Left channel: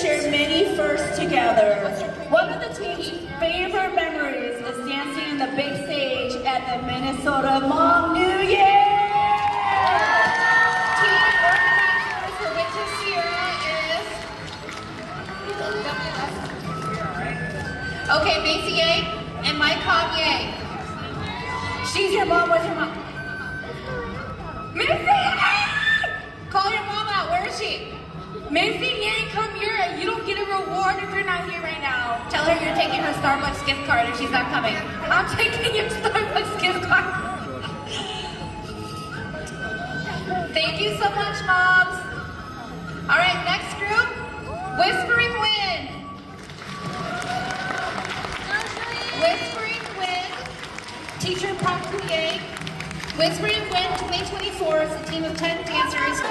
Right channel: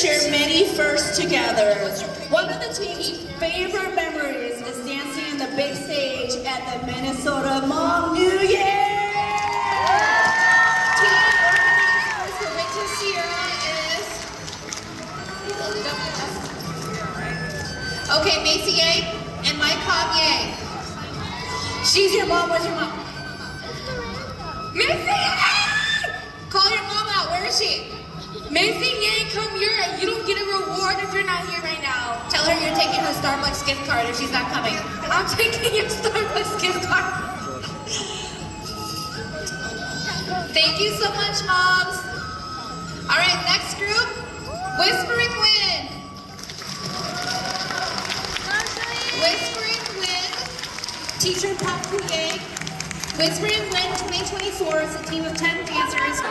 shared many firsts together. One of the team's favorite memories is dancing on the big stage at the Minnesota Hmong New Year. Team organizers will get to Sierra is... Okay, Macy Yang and Mike Hong Yang. She's your mom, where's your mom? Macy Yang! Call your mom out, where is she? Macy Yang, come here. You don't get a reward if you're not here right now. Tell her you're taking her Starbucks gift card if she's not coming. I'm taking your Starbucks gift card. Thank you so much, moms. All right, next group, Whispering Wind. Whispering Wind, teacher Park Yang, Whispering Wind 2024 is a team of 10 dancers.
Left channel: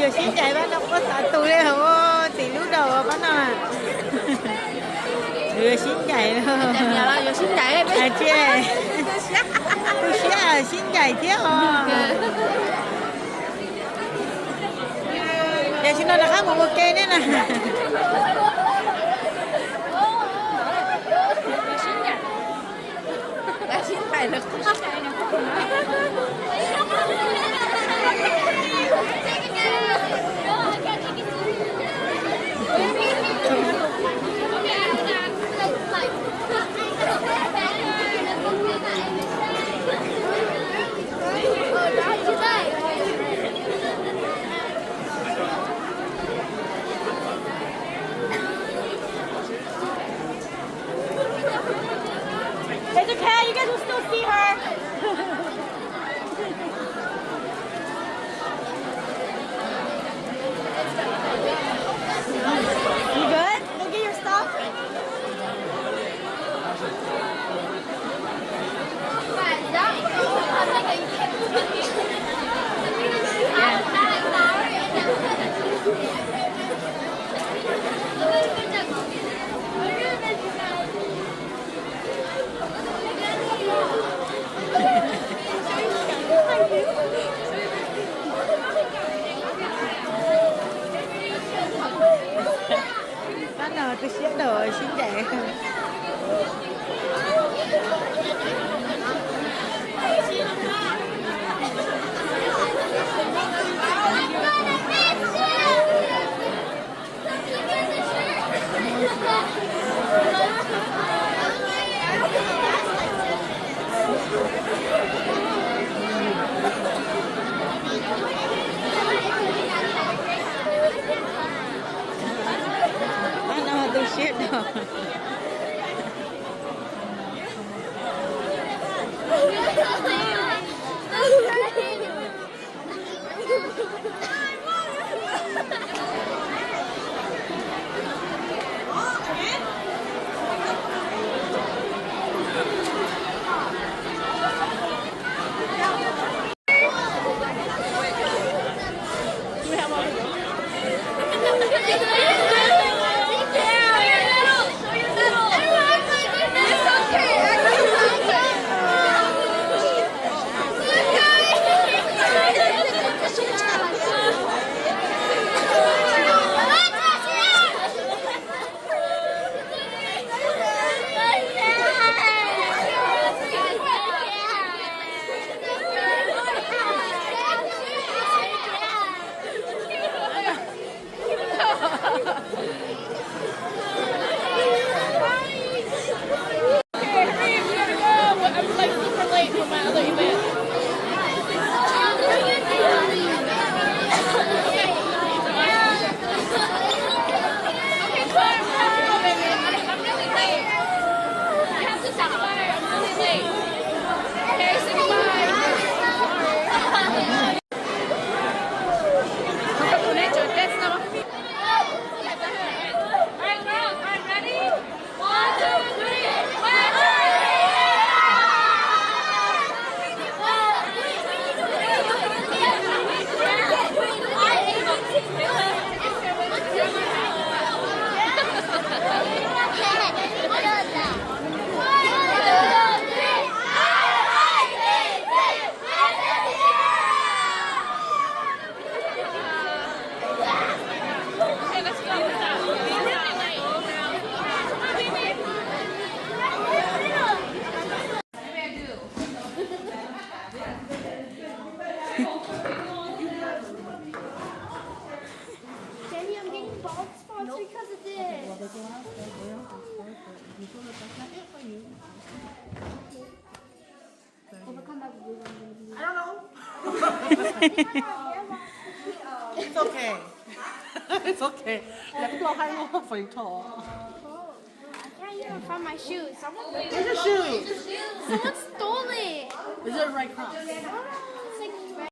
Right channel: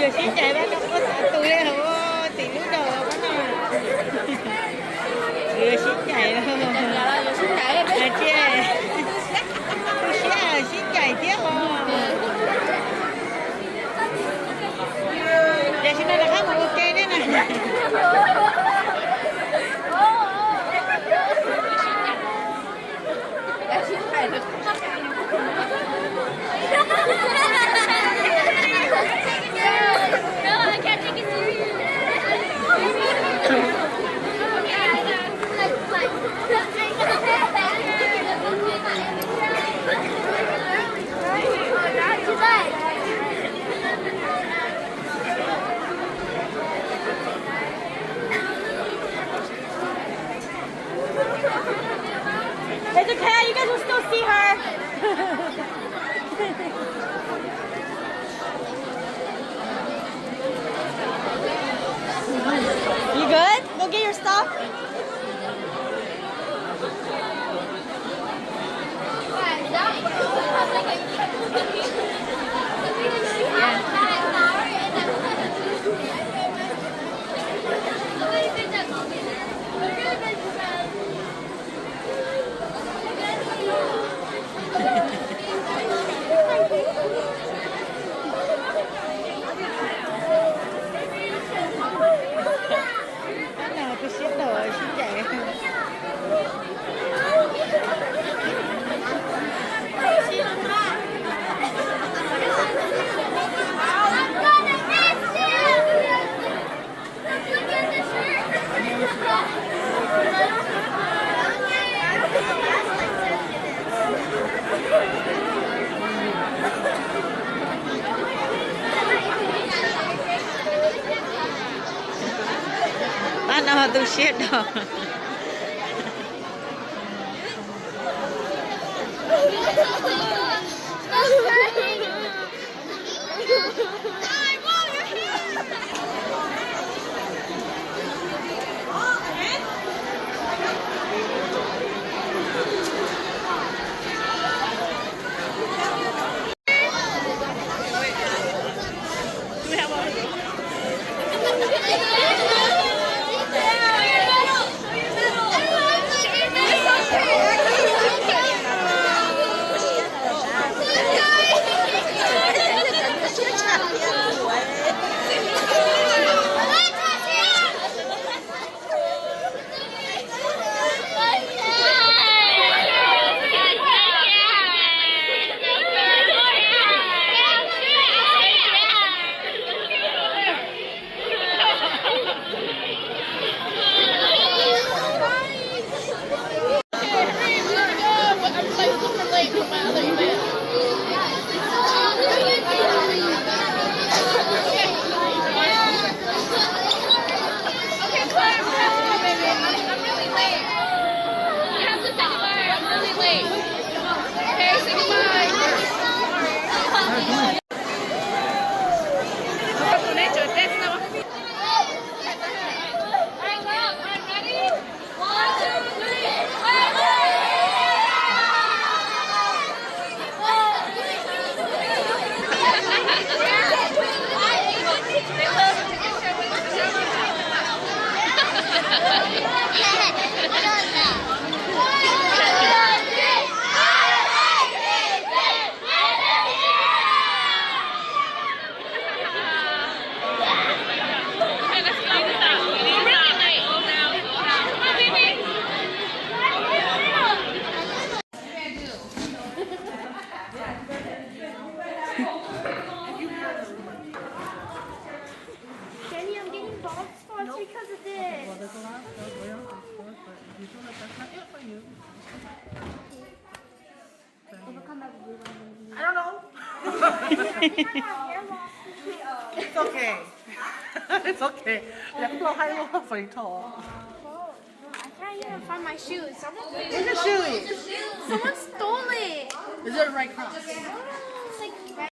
Giờ xin chạy bác đâu có sợ tôi đấy không có tiền lúc đầu bác nào à. Giờ xin chạy đâu. Giờ xin chạy à chứ. Tôi sẽ xin chạy tiếp không. Giờ xin nói là khác một ok đấy nè. It's okay, you guys will still see her. You good? Go get your stuff. Anh nào tôi xếp đồ rồi xin chạy. Anh nào tôi xếp đồ. Jenny, I'm getting bald spots because of this. I don't know. It's okay. It's okay. 你不ให้我肥陀。 I can't even find my shoes. Where's your shoe? Someone stole it. Is it right cross?